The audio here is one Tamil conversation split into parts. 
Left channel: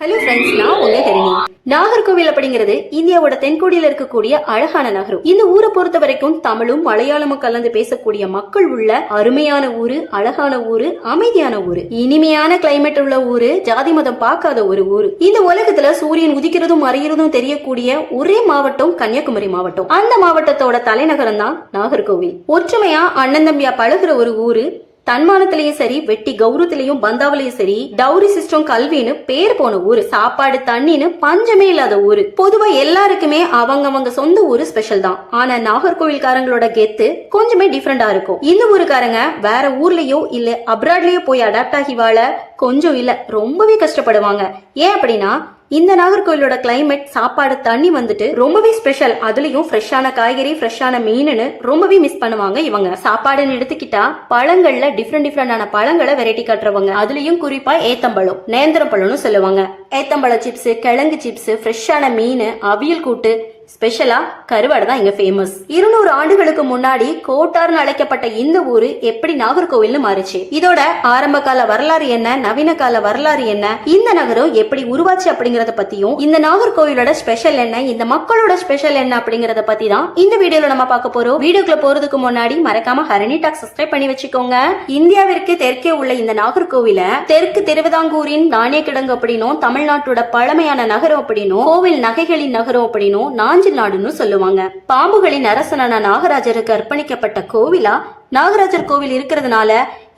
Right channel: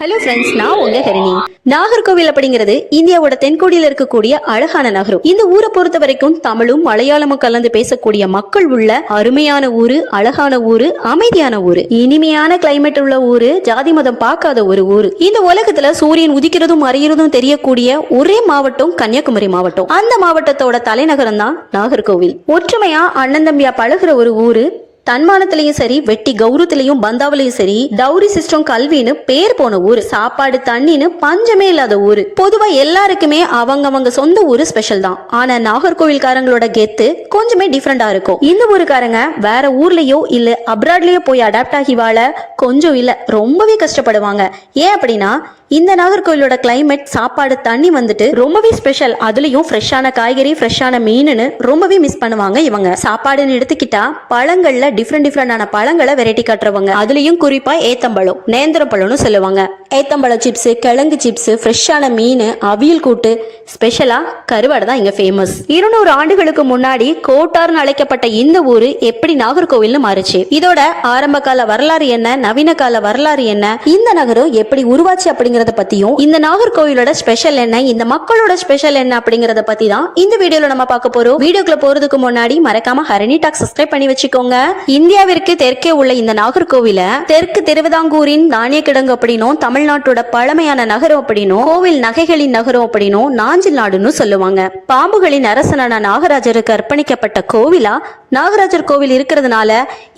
ஹலோ ஃப்ரெண்ட்ஸ், நான் உங்க ஹரிணி. நாகர்கோவில் அப்படிங்கிறது இந்தியாவோட தென்கோடியில இருக்கக்கூடிய அழகான நகரம். இந்த ஊரை பொறுத்த வரைக்கும் தமிழும் மலையாளமும் கலந்து பேசக்கூடிய மக்கள் உள்ள அருமையான ஊரு, அழகான ஊரு, அமைதியான ஊரு, இனிமையான கிளைமேட் உள்ள ஊரு, ஜாதி மதம் பார்க்காத ஒரு ஊரு. இந்த உலகத்துல சூரியன் உதிக்கிறதும் மறைகிறதும் தெரியக்கூடிய ஒரே மாவட்டம் கன்னியாகுமரி மாவட்டம். அந்த மாவட்டத்தோட தலைநகரம் தான் நாகர்கோவில். ஒற்றுமையா அண்ணன் தம்பியா பழகுற ஒரு ஊரு. தன்மானத்திலயும் சரி, வெட்டி கௌரவத்திலையும் பந்தாவிலையும் சரி, டவுரி சிஸ்டம் கல்வின்னு பேர் போன ஊரு. சாப்பாடு தண்ணின்னு பஞ்சமே இல்லாத ஊரு. பொதுவா எல்லாருக்குமே அவங்க சொந்த ஊரு ஸ்பெஷல் தான். ஆனா நாகர்கோவில்காரங்களோட கெத்து கொஞ்சமே டிஃபரெண்டா இருக்கும். இந்த ஊருக்காரங்க வேற ஊர்லயோ இல்ல அப்ராட்லயோ போய் அடாப்ட் ஆகி வாழ கொஞ்சம் இல்ல ரொம்பவே கஷ்டப்படுவாங்க. ஏன் அப்படின்னா இந்த நாகர்கோவிலோட கிளைமேட், சாப்பாடு, தண்ணி வந்துட்டு ரொம்பவே ஸ்பெஷல். அதுலயும் ஃப்ரெஷ்ஷான காய்கறி, ஃப்ரெஷ்ஷான மீனுன்னு ரொம்பவே மிஸ் பண்ணுவாங்க இவங்க. சாப்பாடுன்னு எடுத்துக்கிட்டா பழங்கள்ல டிஃப்ரெண்டான பழங்களை வெரைட்டி காட்டுறவங்க. அதுலயும் குறிப்பா ஏத்தம்பழம், நேந்திரம் பழம்னு சொல்லுவாங்க. ஏத்தம்பழ சிப்ஸ், கிழங்கு சிப்ஸ், ஃப்ரெஷ்ஷான மீன், அவியல் கூட்டு, ஸ்பெஷலா கருவாடு தான் இங்க ஃபேமஸ். 200 ஆண்டுகளுக்கு முன்னாடி கோட்டார்னு அழைக்கப்பட்ட இந்த ஊரு எப்படி நாகர்கோவில்னு மாறுச்சு, இதோட ஆரம்ப கால வரலாறு என்ன, நவீன கால வரலாறு என்ன, இந்த நகரம் எப்படி உருவாச்சு அப்படிங்கிறத பத்தியும், இந்த நாகர்கோவிலோட ஸ்பெஷல் என்ன, இந்த மக்களோட ஸ்பெஷல் என்ன அப்படிங்கறத பத்தி தான் இந்த வீடியோல நம்ம பார்க்க போறோம். வீடியோக்குள்ள போறதுக்கு முன்னாடி மறக்காம ஹரணி டாக் சப்ஸ்கிரைப் பண்ணி வச்சுக்கோங்க. இந்தியாவிற்கு தெற்கே உள்ள இந்த நாகர்கோவில தெற்கு திருவிதாங்கூரின் தானிய கிடங்கு அப்படின்னும், தமிழ்நாட்டோட பழமையான நகரம் அப்படின்னும், கோவில் நகைகளின் நகரம் அப்படின்னும், நாஞ்சில் நாடுன்னு சொல்லுவாங்க. பாம்புகளின் அரசனான நாகராஜருக்கு அர்ப்பணிக்கப்பட்ட கோவிலா நாகராஜர் கோவில் இருக்கிறதுனால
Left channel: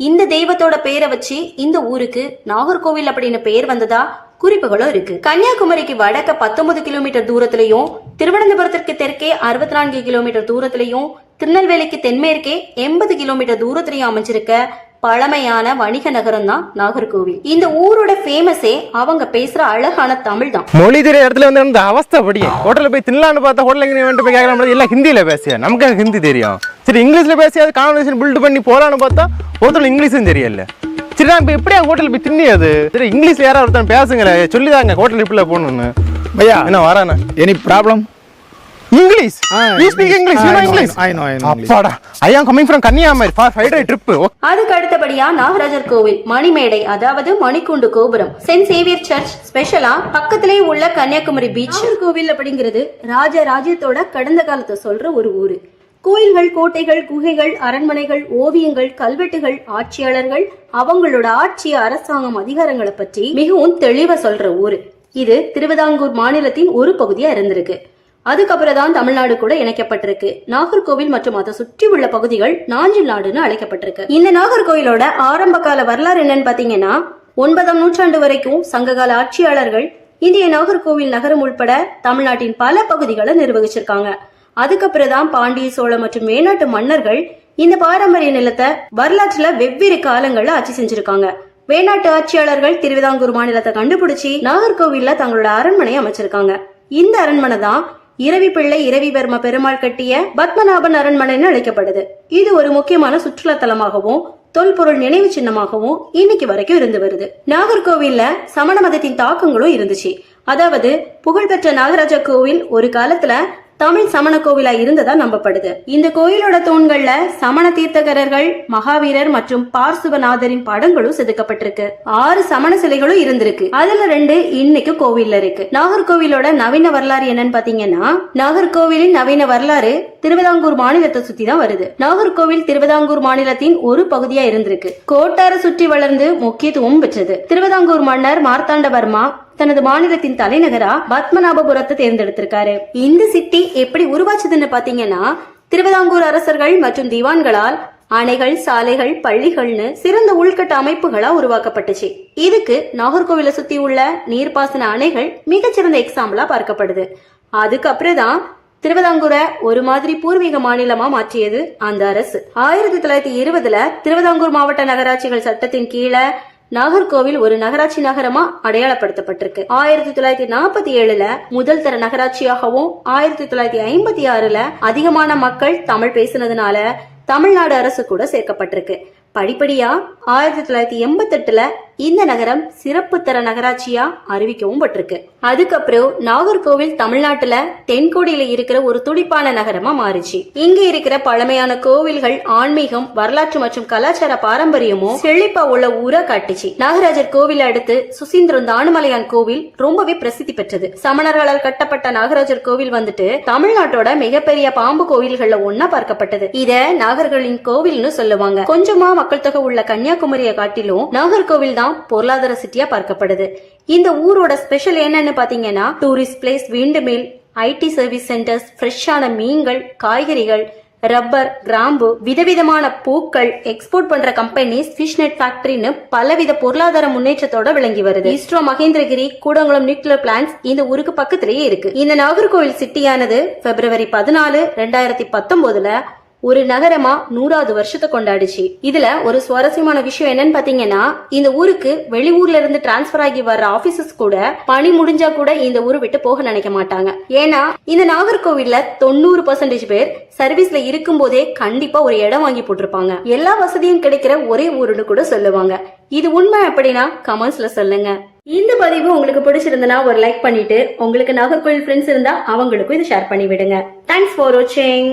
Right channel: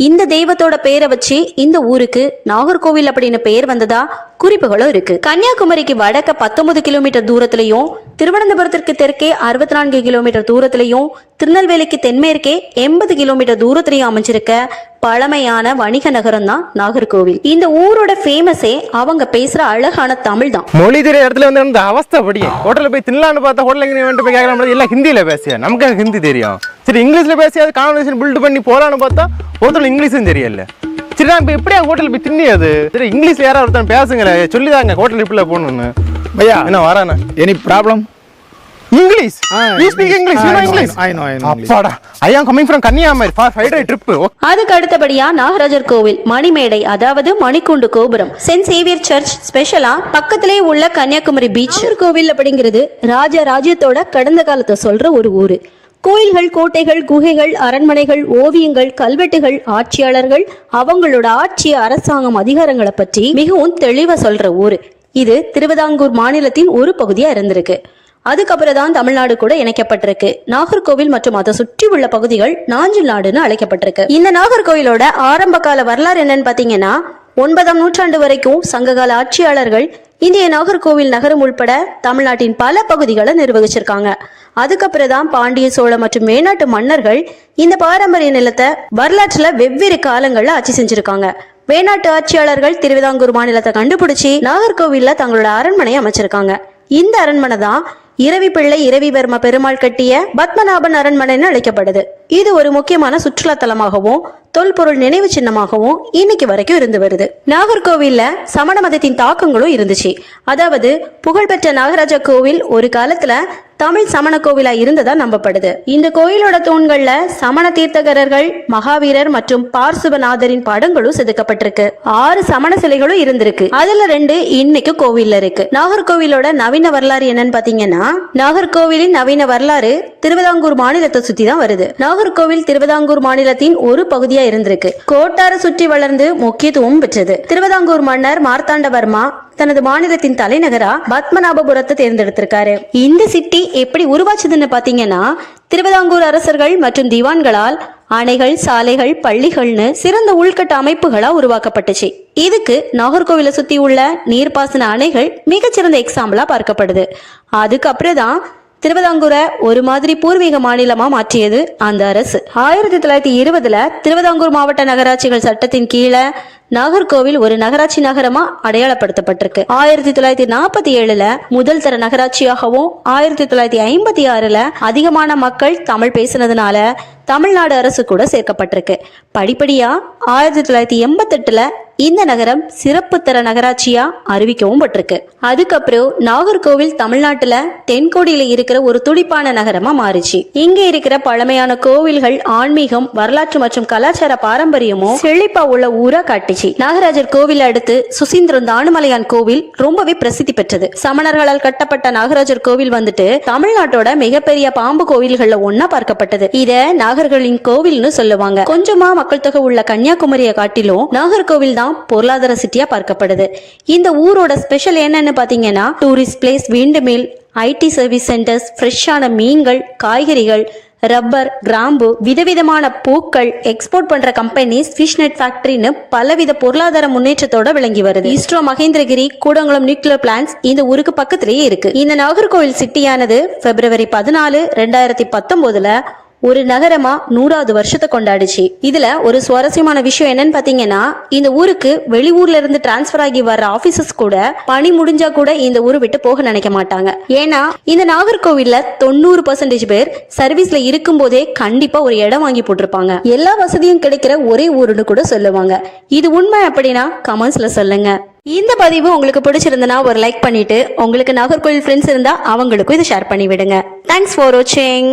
இந்த தெய்வத்தோட பேரை வச்சு இந்த ஊருக்கு நாகர்கோவில் அப்படின்னு பெயர் வந்ததா குறிப்புகளும் இருக்கு. கன்னியாகுமரிக்கு வடக்க 19 கிலோமீட்டர் தூரத்திலையும், திருவனந்தபுரத்திற்கு தெற்கே 64 கிலோமீட்டர் தூரத்திலையும், திருநெல்வேலிக்கு தென்மேற்கே 80 கிலோமீட்டர் தூரத்திலையும் அமைஞ்சிருக்க பழமையான வணிக நகரம் தான் நாகர்கோவில். இந்த ஊரோட ஃபேமஸே அவங்க பேசுற அழகான தமிழ் தான். மொழி தெரிய இடத்துல வந்து இந்த அவஸ்தை படி ஹோட்டல்ல போய் தின்னலான்னு பார்த்தா ஹோட்டல் எங்க போய் கேட்கலாம், எல்லாம் ஹிந்தியில பேசியா, நமக்கு எனக்கு ஹிந்தி தெரியும். சரி, இங்கிலீஷ்ல பேசியாது கான்வர்சேஷன் பில்ட் பண்ணி போலான்னு பார்த்தா ஒருத்தர் இங்கிலீஷும் தெரியல. சரி, நான் இப்போ எப்படியா ஹோட்டல் போய் தின்னியாது? சரி, இங்கிலீஷ்ல யாராவது ஒருத்தன் பேசுங்களே, சொல்லிதாங்க ஹோட்டல் இப்படி போகணும்னு. பையா என்ன வரானே, any problem? English? You speak English? You know English? I know அப்பாடா, I am coming from Kanyakumari for 5-day trip. அதுக்கு அடுத்தபடியா நாகராஜர் கோவில், மணிமேடை அதாவது மணிக்கூண்டு கோபுரம், சென்ட் சேவியர் சர்ச், ஸ்பெஷலா பக்கத்திலே உள்ள கன்னியாகுமரி பீச். கோவில் அப்படிங்கிறது ராஜ்யத்தோட கடந்த காலத்தை சொல்ற ஒரு ஊரு. கோயில்கள், கோட்டைகள், குகைகள், அரண்மனைகள், ஓவியங்கள், கல்வெட்டுகள், ஆட்சியாளர்கள், அவங்களோட ஆட்சி, அரசாங்கம், அதிகாரங்களை பற்றி மிகவும் தெளிவா சொல்ற ஊரு. இது திருவிதாங்கூர் மாநிலத்தின் ஒரு பகுதியா இருந்திருக்கு. அதுக்கப்புறம் தான் தமிழ்நாடு கூட இணைக்கப்பட்டிருக்கு. நாகர்கோவில் மற்றும் அதை சுற்றி உள்ள பகுதிகள் நாஞ்சில் நாடுன்னு அழைக்கப்பட்டிருக்கு. இந்த நாகர்கோவிலோட ஆரம்ப கால வரலாறு என்னன்னு பாத்தீங்கன்னா, 9ஆம் நூற்றாண்டு வரைக்கும் சங்ககால ஆட்சியாளர்கள் இந்திய நாகர்கோவில் நகரம் உள்பட தமிழ்நாட்டின் பல பகுதிகளை நிர்வகிச்சிருக்காங்க. அதுக்கப்புறம் தான் பாண்டிய, சோழ மற்றும் மேனாட்டு மன்னர்கள் இந்த பாரம்பரிய நிலத்தை வரலாற்றுல வெவ்வேறு காலங்கள்ல ஆட்சி செஞ்சிருக்காங்க. வேணாட்டு ஆட்சியாளர்கள் திருவிதாங்கூர் மாநிலத்தை கண்டுபிடிச்சு நாகர்கோவில்ல தங்களோட அரண்மனையை அமைச்சிருக்காங்க. இந்த அரண்மனை தான் இரவி பிள்ளை இரவிவர்ம பெருமாள் கட்டிய பத்மநாபன் அரண்மனைன்னு அழைக்கப்படுது. இது ஒரு முக்கியமான சுற்றுலா தலமாகவும் தொல்பொருள் நினைவு சின்னமாகவும் இன்னைக்கு வரைக்கும் இருந்து வருது. நாகர்கோவில்ல சமண மதத்தின் தாக்கங்களும் இருந்துச்சு. அதாவது புகழ்பெற்ற நாகராஜ கோவில் ஒரு காலத்துல தமிழ் சமண கோவிலா இருந்ததா நம்பப்படுது. இந்த கோயிலோட தூண்கள்ல சமண தீர்த்தகரர்கள், மகாவீரர் மற்றும் பார்சுவநாதரின் படங்களும் செதுக்கப்பட்டிருக்கு. 6 சமண சிலைகளும் இருந்திருக்கு. அதுல 2 இன்னைக்கு கோவில்ல இருக்கு. நாகர்கோவிலோட நவீன வரலாறு என்னன்னு பாத்தீங்கன்னா, நாகர்கோவிலின் நவீன வரலாறு திருவிதாங்கூர் மாநிலத்தை சுத்தி தான் வருது. நாகர்கோவில் திருவிதாங்கூர் மாநிலத்தின் ஒரு பகுதியா இருந்திருக்கு. கோட்டார சுற்றி வளர்ந்து முக்கியத்துவம் பெற்றது. திருவிதாங்கூர் மன்னர் மார்த்தாண்டவர்மா தனது மாநிலத்தின் தலைநகரா பத்மநாபபுரத்தை தேர்ந்தெடுத்திருக்காரு. இந்த சிட்டி எப்படி உருவாச்சுதுன்னு பாத்தீங்கன்னா, திருவிதாங்கூர் அரசர்கள் மற்றும் திவான்களால் அணைகள், சாலைகள், பள்ளிகள்னு சிறந்த உள்கட்ட அமைப்புகளா உருவாக்கப்பட்டுச்சு. இதுக்கு நாகர்கோவிலை சுத்தி உள்ள நீர்ப்பாசன அணைகள் மிகச்சிறந்த எக்ஸாம்பிளா பார்க்கப்படுது. அதுக்கப்புறம் தான் திருவிதாங்கூரை ஒரு மாதிரி பூர்வீக மாநிலமா மாற்றியது அந்த அரசு. 1920 திருவிதாங்கூர் மாவட்ட நகராட்சிகள் சட்டத்தின் கீழே நாகர்கோவில் ஒரு நகராட்சி நகரமா அடையாளப்படுத்தப்பட்டிருக்கு. 1947 முதல் தர நகராட்சியாகவும், 1956 அதிகமான மக்கள் தமிழ் பேசினதுனால தமிழ்நாடு அரசு கூட சேர்க்கப்பட்டிருக்கு. படிப்படியா 1988 இந்த நகரம் சிறப்பு தர நகராட்சியா அறிவிக்கவும் பட்டிருக்கு. அதுக்கப்புறம் நாகர்கோவில் தமிழ்நாட்டுல தென்கோடியில இருக்கிற ஒரு துடிப்பான நகரமா மாறிச்சு. இங்க இருக்கிற பழமையான கோவில்கள், ஆன்மீகம், வரலாற்று மற்றும் கலாச்சார பாரம்பரியமும் செழிப்பா உள்ள ஊரா காட்டுச்சு. நாகராஜர் கோவில் அடுத்து சுசீந்திரம் தானுமலையான் கோவில் ரொம்பவே பிரசித்தி பெற்றது. சமணர்களால் கட்டப்பட்ட நாகராஜர் கோவில் வந்துட்டு தமிழ்நாட்டோட மிகப்பெரிய பாம்பு கோவில்கள்ல ஒன்னா பார்க்கப்பட்டது. இத நாகர்களின் கோவில்னு சொல்லுவாங்க. கொஞ்சமா மக்கள் தொகை உள்ள கன்னியாகுமரியை காட்டிலும் நாகர்கோவில் தான் பொருளாதார சிட்டியா பார்க்கப்படுது. இந்த ஊரோட ஸ்பெஷல் என்னன்னு பாத்தீங்கன்னா tourist place, wind mill, ID service centres, ஃப்ரெஷ்ஷான மீன்கள், காய்கறிகள், ரப்பர், கிராம்பு, விதவிதமான பூக்கள், எக்ஸ்போர்ட் பண்ற கம்பெனிஸ், ஃபிஷ் நெட் ஃபேக்டரின்னு பலவித பொருளாதார முன்னேற்றத்தோட விளங்கி வருது. இஸ்ரோ மகேந்திரகிரி கூடங்குளம் நியூக்ளியர் பிளான்ஸ் இந்த ஊருக்கு பக்கத்திலேயே இருக்கு. இந்த நாகர்கோவில் சிட்டியானது பிப்ரவரி 14, 2019 ஒரு நகரமா 100வது வருஷத்தை கொண்டாடுச்சு. இதுல ஒரு சுவாரஸ்யமான விஷயம் என்னன்னு பாத்தீங்கன்னா, இந்த ஊருக்கு வெளியூர்ல இருந்து டிரான்ஸ்பர் ஆகி வர்ற ஆபீசர்ஸ் கூட பணி முடிஞ்சா கூட இந்த ஊரை விட்டு போக நினைக்க மாட்டாங்க. ஏன்னா இந்த நாகர்கோவில்ல 90% பேர் சர்வீஸ்ல இருக்கும் போதே கண்டிப்பா ஒரு இடம் வாங்கி போட்டிருப்பாங்க. எல்லா வசதியும் கிடைக்கிற ஒரே ஊருன்னு கூட சொல்லுவாங்க. இது உண்மை அப்படின்னா கமெண்ட்ஸ்ல சொல்லுங்க. இந்த பதிவு உங்களுக்கு பிடிச்சிருந்தனா ஒரு லைக் பண்ணிட்டு, உங்களுக்கு நாகர்கோவில் ஃப்ரெண்ட்ஸ் இருந்தா அவங்களுக்கும் இதை ஷேர் பண்ணி விடுங்க. தேங்க்ஸ் ஃபார் வாட்சிங்.